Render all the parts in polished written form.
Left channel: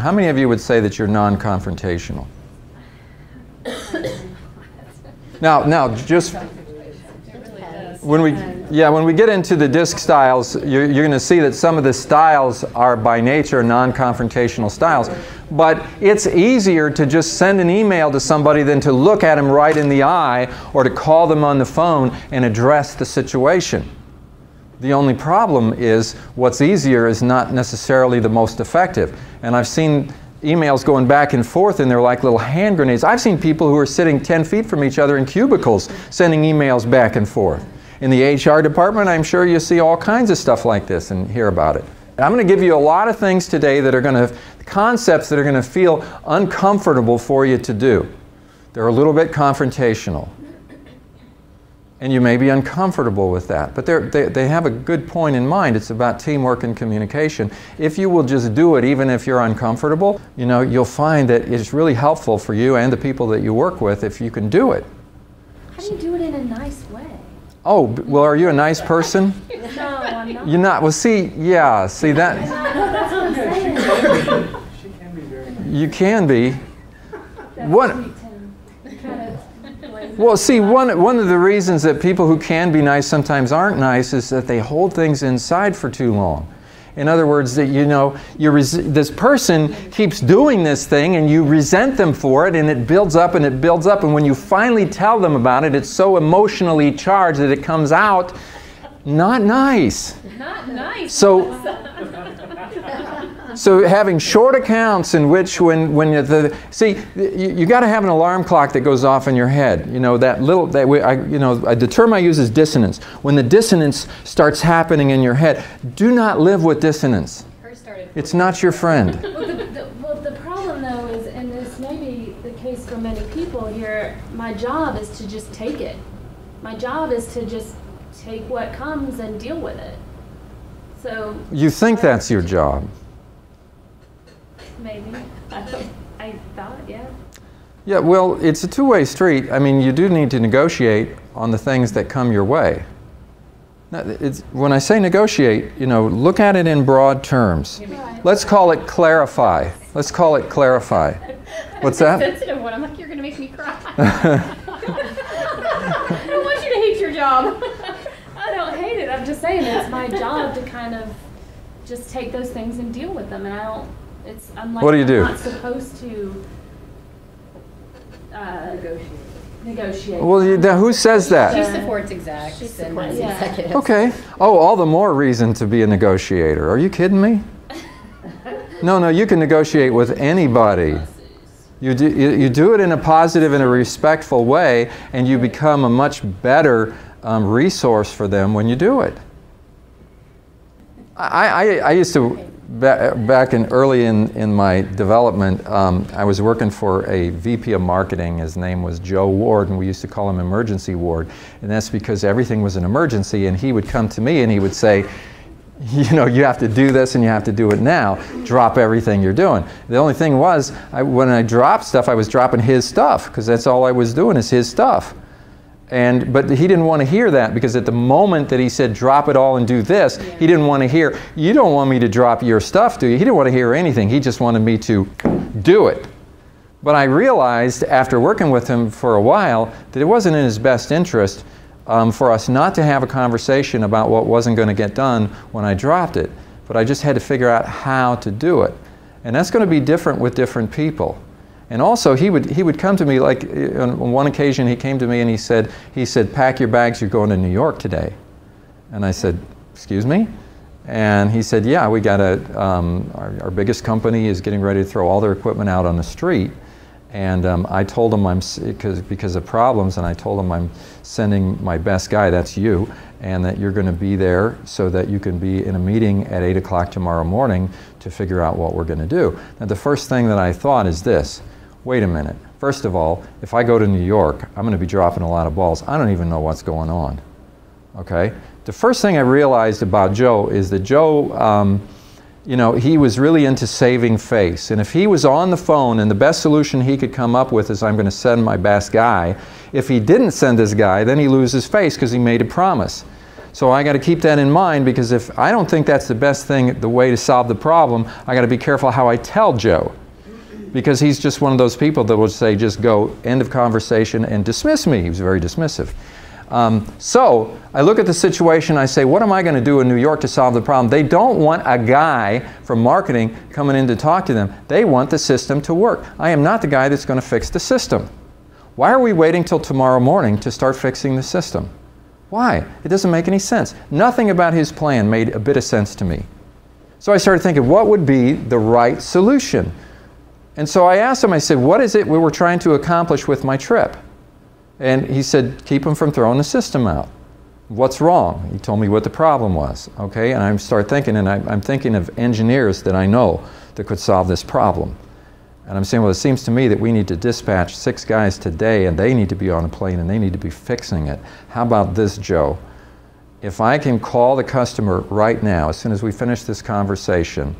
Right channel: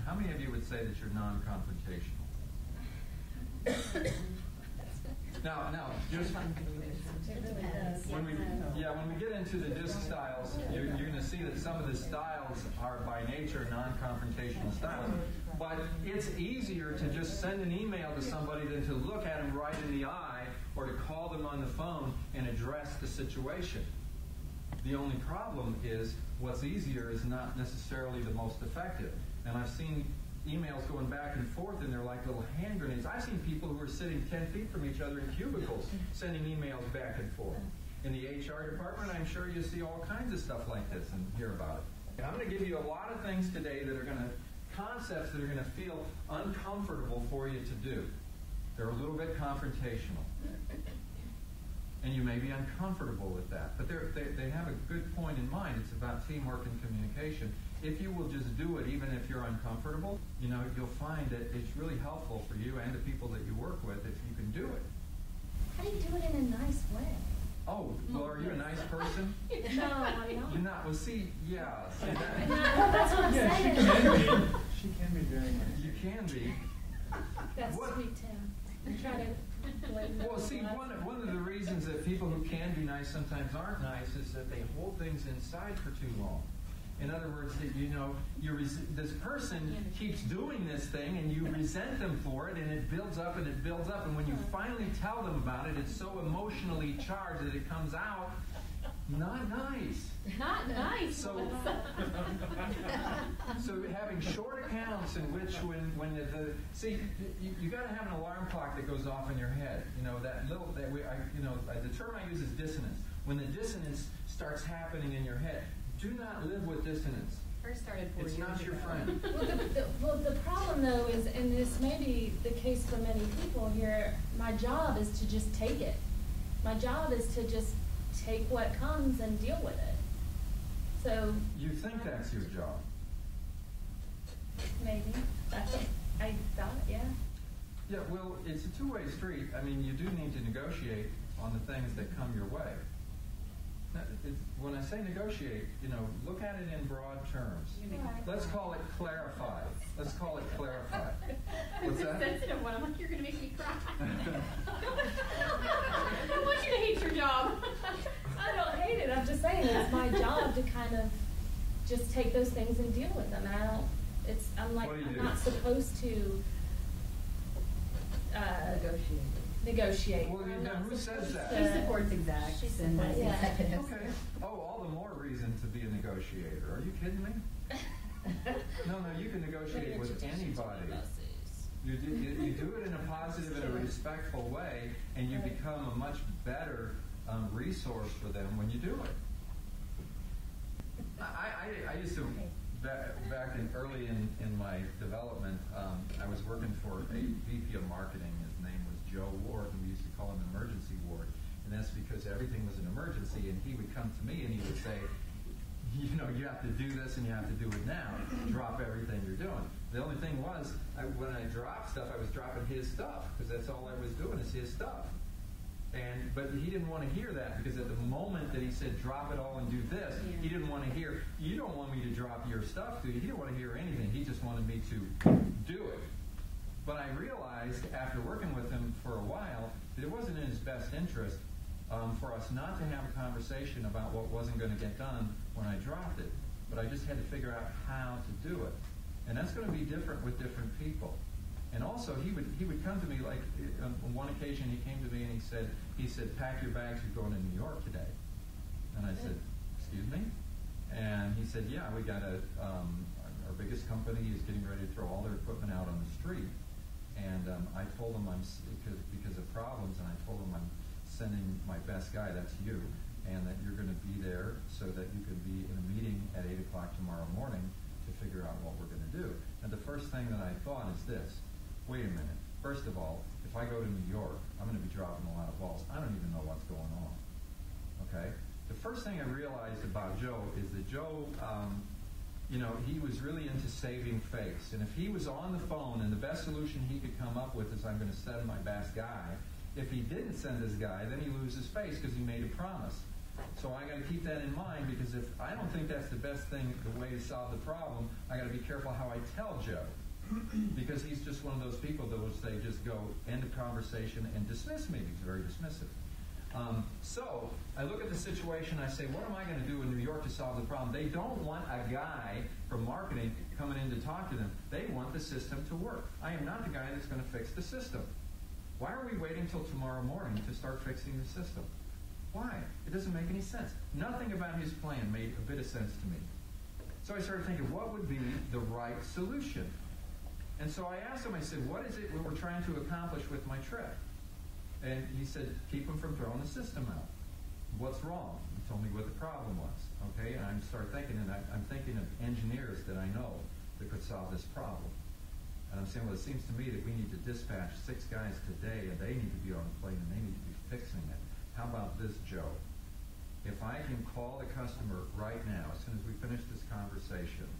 How many of you would say that you're non-confrontational? Now, just when we get into the DISC styles, you're going to see that some of the styles are by nature non-confrontational styles. But it's easier to just send an email to somebody than to look at them right in the eye or to call them on the phone and address the situation. The only problem is what's easier is not necessarily the most effective. And I've seen emails going back and forth and they're like little hand grenades. I've seen people who are sitting 10 feet from each other in cubicles sending emails back and forth. In the HR department, I'm sure you see all kinds of stuff like this and hear about it. I'm going to give you a lot of things today that are going to, concepts that are going to feel uncomfortable for you to do. They're a little bit confrontational. And you may be uncomfortable with that. But they have a good point in mind. It's about teamwork and communication. If you will just do it, even if you're uncomfortable, you know, you'll find that it's really helpful for you and the people that you work with if you can do it. How do you do it in a nice way? Oh, well, are you a nice person? No, I'm not. You're not. Well, see, yeah, see that. That's what I'm saying. She can be very nice. You can be. That's What? sweet, Tim. Kind of Well, see, one of the reasons that people who can be nice sometimes aren't nice is that they hold things inside for too long. In other words, that you know, this person keeps doing this thing and you resent them for it, and it builds up and it builds up, and when you finally tell them about it, it's so emotionally charged that it comes out not nice. not nice. So having short accounts in which when you got to have an alarm clock that goes off in your head. You know, the term I use is dissonance. When the dissonance starts happening in your head, do not live with dissonance. It's not your friend. Well, the problem though is, and this may be the case for many people here, my job is to just take it. My job is to just take what comes and deal with it. So You think that's your job. maybe. I thought, yeah. Yeah, well, it's a two-way street. I mean, you do need to negotiate on the things that come your way. Now, when I say negotiate, you know, look at it in broad terms. Right. Let's call it clarify. Let's call it clarify. What's that? Sensitive one. I'm like, you're going to make me cry. I don't want you to hate your job. I don't hate it. I'm just saying it's my job to kind of just take those things and deal with them, and I don't. I'm like, What do you do? I'm not supposed to negotiate. Well, who says She that? supports execs and supports- yeah. executives. Okay. Oh, all the more reason to be a negotiator. Are you kidding me? No, you can negotiate with anybody. You do it in a positive and a respectful way, and you become a much better resource for them when you do it. I used to, back early in my development, I was working for a VP of marketing. His name was Joe Ward, and we used to call him Emergency Ward. And that's because everything was an emergency, and he would come to me and he would say, you know, you have to do this and you have to do it now. Drop everything you're doing. The only thing was, when I dropped stuff, I was dropping his stuff, because that's all I was doing is his stuff. But he didn't want to hear that, because at the moment that he said drop it all and do this, he didn't want to hear, you don't want me to drop your stuff, do you? He didn't want to hear anything. He just wanted me to do it. But I realized after working with him for a while that it wasn't in his best interest for us not to have a conversation about what wasn't going to get done when I dropped it. But I just had to figure out how to do it. And that's going to be different with different people. And also, he would come to me, like on one occasion he came to me and he said, pack your bags, you're going to New York today. And I said, excuse me? And he said, yeah, we got our biggest company is getting ready to throw all their equipment out on the street. And I told him because of problems, and I told him I'm sending my best guy, that's you, and that you're going to be there so that you can be in a meeting at 8 o'clock tomorrow morning to figure out what we're going to do. Now, the first thing that I thought is this. Wait a minute. First of all, if I go to New York, I'm going to be dropping a lot of balls. I don't even know what's going on. Okay? The first thing I realized about Joe is that Joe, you know, he was really into saving face. And if he was on the phone and the best solution he could come up with is I'm going to send my best guy, if he didn't send his guy, then he loses face because he made a promise. So I got to keep that in mind, because if I don't think that's the best thing, the way to solve the problem, I got to be careful how I tell Joe. Because he's just one of those people that will say, just go, end of conversation, and dismiss me. He was very dismissive. So I look at the situation, I say, what am I going to do in New York to solve the problem? They don't want a guy from marketing coming in to talk to them. They want the system to work. I am not the guy that's going to fix the system. Why are we waiting till tomorrow morning to start fixing the system? Why? It doesn't make any sense. Nothing about his plan made a bit of sense to me. So I started thinking, what would be the right solution? And so I asked him, I said, what is it we were trying to accomplish with my trip? And he said, keep them from throwing the system out. What's wrong? He told me what the problem was. Okay, and I start thinking, and I'm thinking of engineers that I know that could solve this problem. And I'm saying, well, it seems to me that we need to dispatch 6 guys today, and they need to be on a plane, and they need to be fixing it. How about this, Joe? If I can call the customer right now, as soon as we finish this conversation,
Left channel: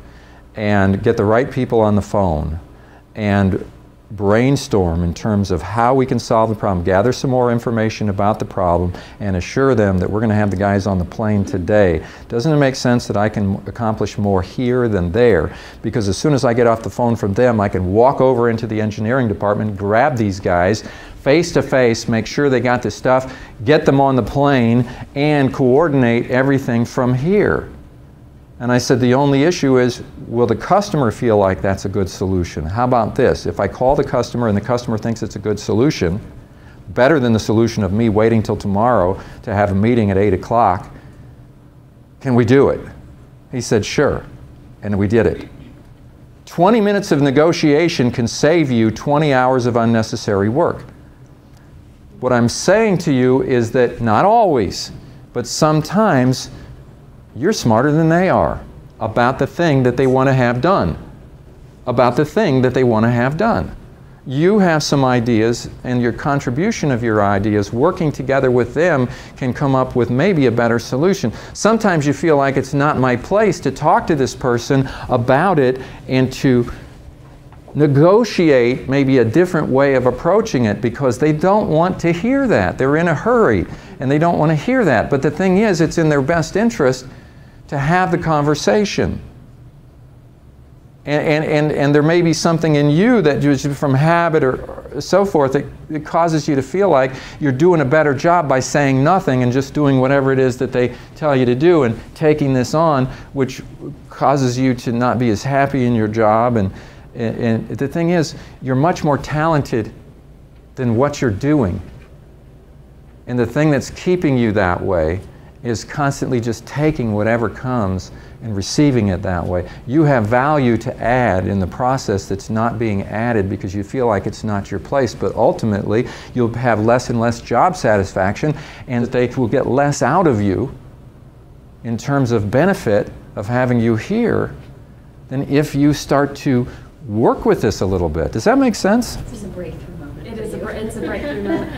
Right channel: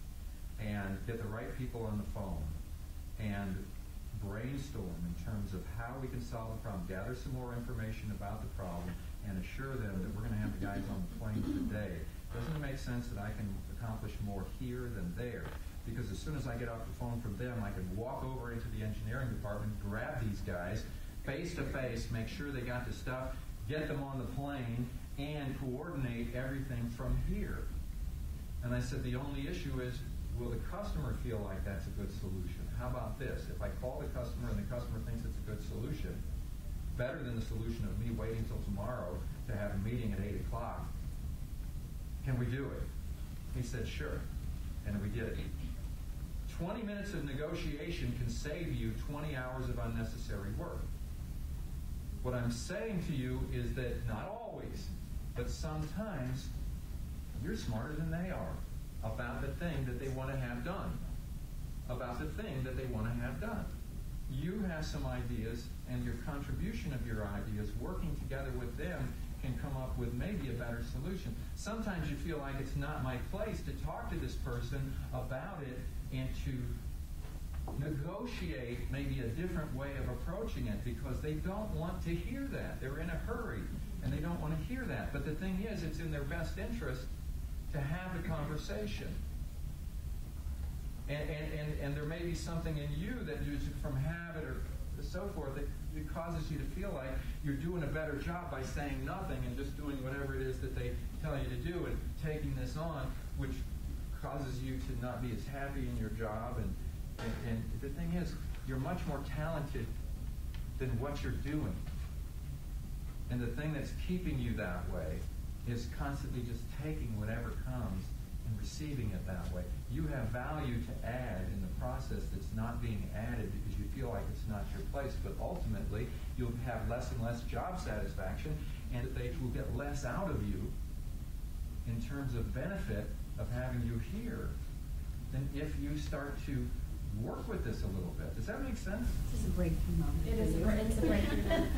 and get the right people on the phone, and brainstorm in terms of how we can solve the problem, gather some more information about the problem, and assure them that we're going to have the guys on the plane today. Doesn't it make sense that I can accomplish more here than there? Because as soon as I get off the phone from them, I can walk over into the engineering department, grab these guys, face to face, make sure they got the stuff, get them on the plane, and coordinate everything from here. And I said, the only issue is, will the customer feel like that's a good solution? How about this? If I call the customer and the customer thinks it's a good solution, better than the solution of me waiting till tomorrow to have a meeting at 8 o'clock, can we do it? He said, sure. And we did it. 20 minutes of negotiation can save you 20 hours of unnecessary work. What I'm saying to you is that not always, but sometimes, you're smarter than they are about the thing that they want to have done. About the thing that they want to have done. You have some ideas, and your contribution of your ideas, working together with them, can come up with maybe a better solution. Sometimes you feel like it's not my place to talk to this person about it and to negotiate maybe a different way of approaching it, because they don't want to hear that. They're in a hurry and they don't want to hear that. But the thing is, it's in their best interest to have the conversation. And there may be something in you that just from habit or so forth that causes you to feel like you're doing a better job by saying nothing and just doing whatever it is that they tell you to do and taking this on, which causes you to not be as happy in your job. And the thing is, you're much more talented than what you're doing. And the thing that's keeping you that way is constantly just taking whatever comes and receiving it that way. You have value to add in the process that's not being added because you feel like it's not your place, but ultimately you'll have less and less job satisfaction, and they will get less out of you in terms of benefit of having you here than if you start to work with this a little bit. Does that make sense? This is a breakthrough moment. It's a breakthrough moment.